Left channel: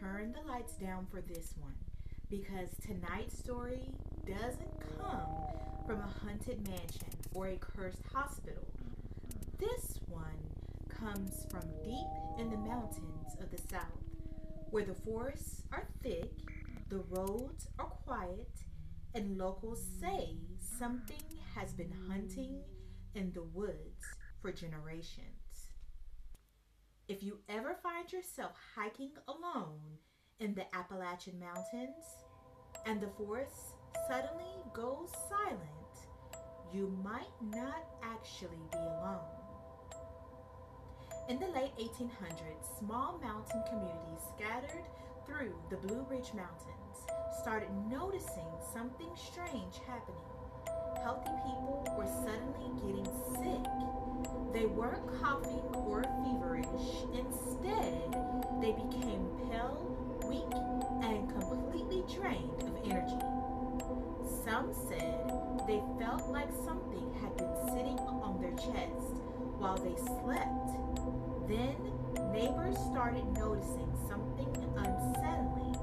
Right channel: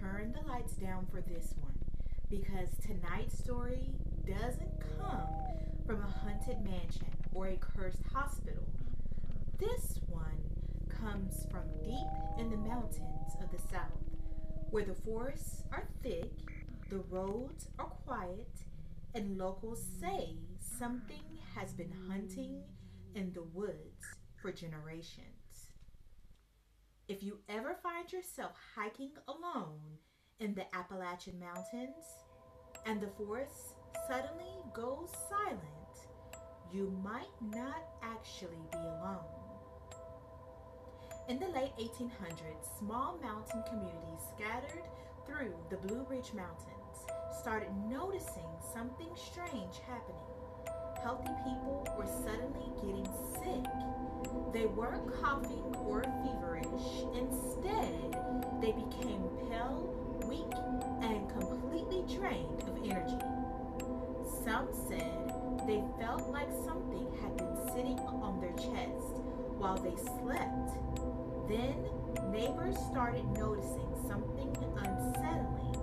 turn the lights down for this one because tonight's story doesn't come from a haunted mansion or a cursed hospital. This one comes from deep in the mountains of the south, where the forests are thick, the roads are quiet, and locals say something has been hunting in the woods for generations. If you ever find yourself hiking alone in the Appalachian Mountains and the forest suddenly goes silent, you might not actually be alone. In the late 1800s, small mountain communities scattered through the Blue Ridge Mountains started noticing something strange happening. Healthy people were suddenly getting sick. They weren't coughing or feverish. Instead, they became pale, weak, and completely drained of energy. Some said they felt like something had been sitting on their chest while they slept. Then, neighbors started noticing something unsettling.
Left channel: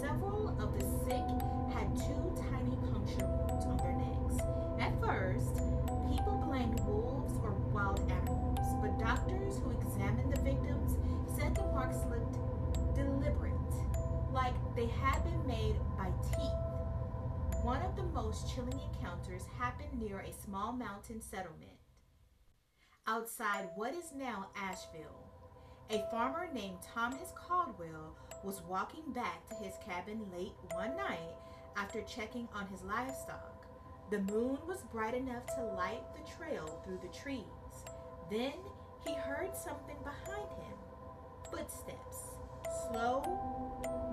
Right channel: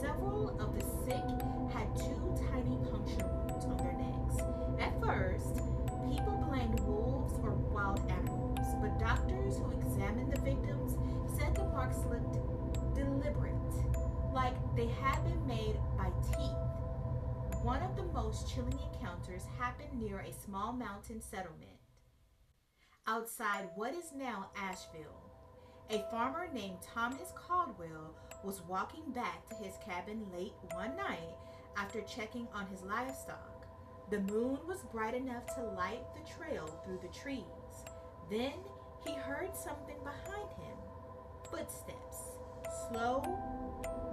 Several of the sick had two tiny puncture wounds on their necks. At first, people blamed wolves or wild animals, but doctors who examined the victims said the marks looked deliberate, like they had been made by teeth. One of the most chilling encounters happened near a small mountain settlement outside what is now Asheville. A farmer named Thomas Caldwell was walking back to his cabin late one night after checking on his livestock. The moon was bright enough to light the trail through the trees. Then he heard something behind him. Footsteps, slow,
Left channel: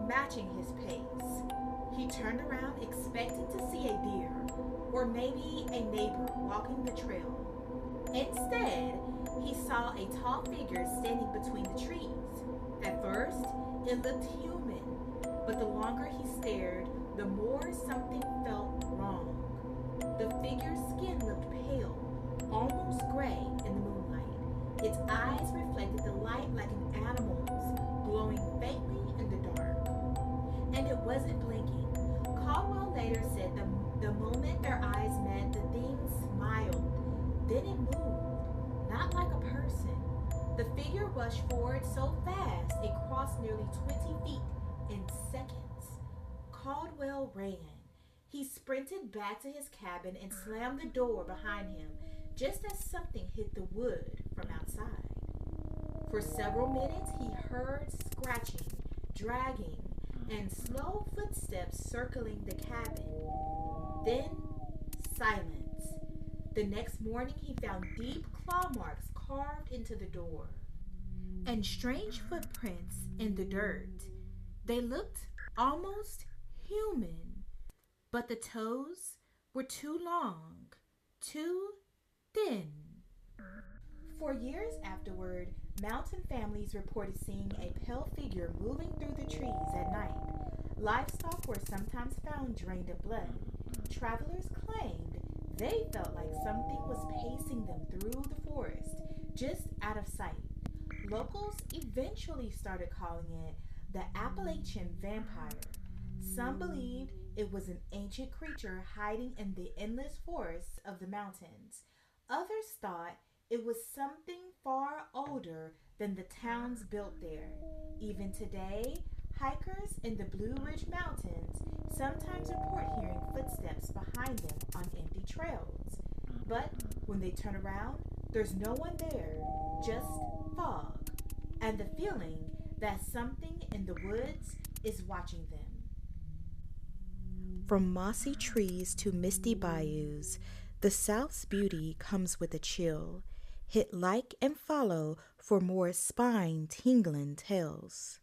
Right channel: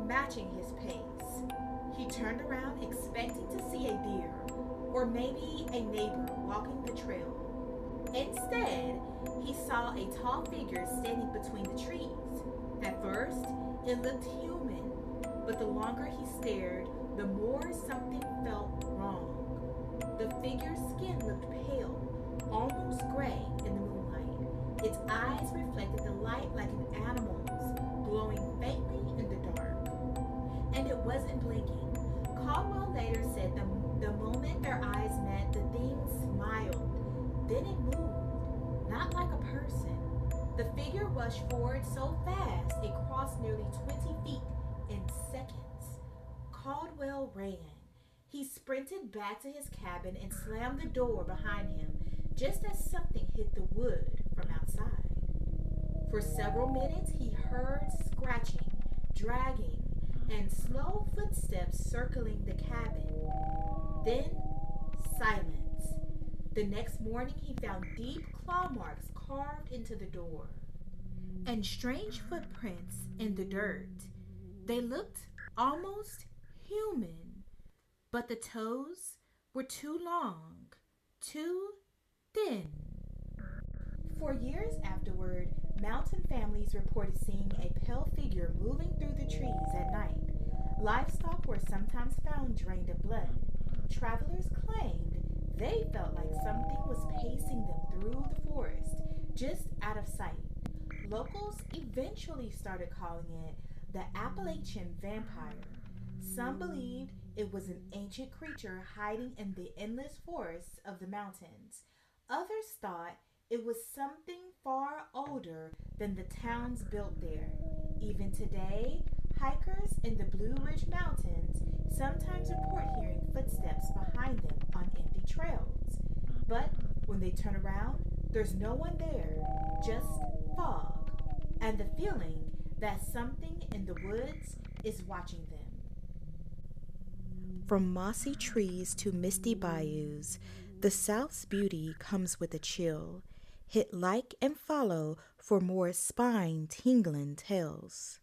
matching his pace. He turned around expecting to see a deer or maybe a neighbor walking the trail. Instead, he saw a tall figure standing between the trees. At first, it looked human, but the longer he stared, the more something felt wrong. The figure's skin looked pale, almost gray in the moonlight. Its eyes reflected the light like an animal's, glowing faintly in the dark. And it wasn't blinking. Caldwell later said the moment their eyes met, the thing smiled. Then it moved, not like a person. The figure rushed forward so fast it crossed nearly 20 feet in seconds. Caldwell ran. He sprinted back to his cabin and slammed the door behind him just as something hit the wood from outside. For several minutes, he heard scratching, dragging, and slow footsteps circling the cabin. Then, silence. The next morning, he found deep claw marks carved into the door and strange footprints in the dirt. They looked almost human, but the toes were too long, too thin. For years afterward, mountain families reported seeing a pale figure moving through the trees at night. Livestock were sometimes found drained of blood. Travelers claimed they felt like something was pacing them through the forest, just out of sight. Locals eventually started calling it the Appalachian vampire. Some believed it was an ancient creature hiding in the endless forests of the mountains. Others thought it was something far older than the towns built there. Even today, hikers in the Blue Ridge Mountains sometimes report hearing footsteps behind them on empty trails. But when they turn around, there's no one there, just fog, and the feeling that something in the woods is watching them. From mossy trees to misty bayous, the South's beauty comes with a chill. Hit like and follow for more spine-tingling tales.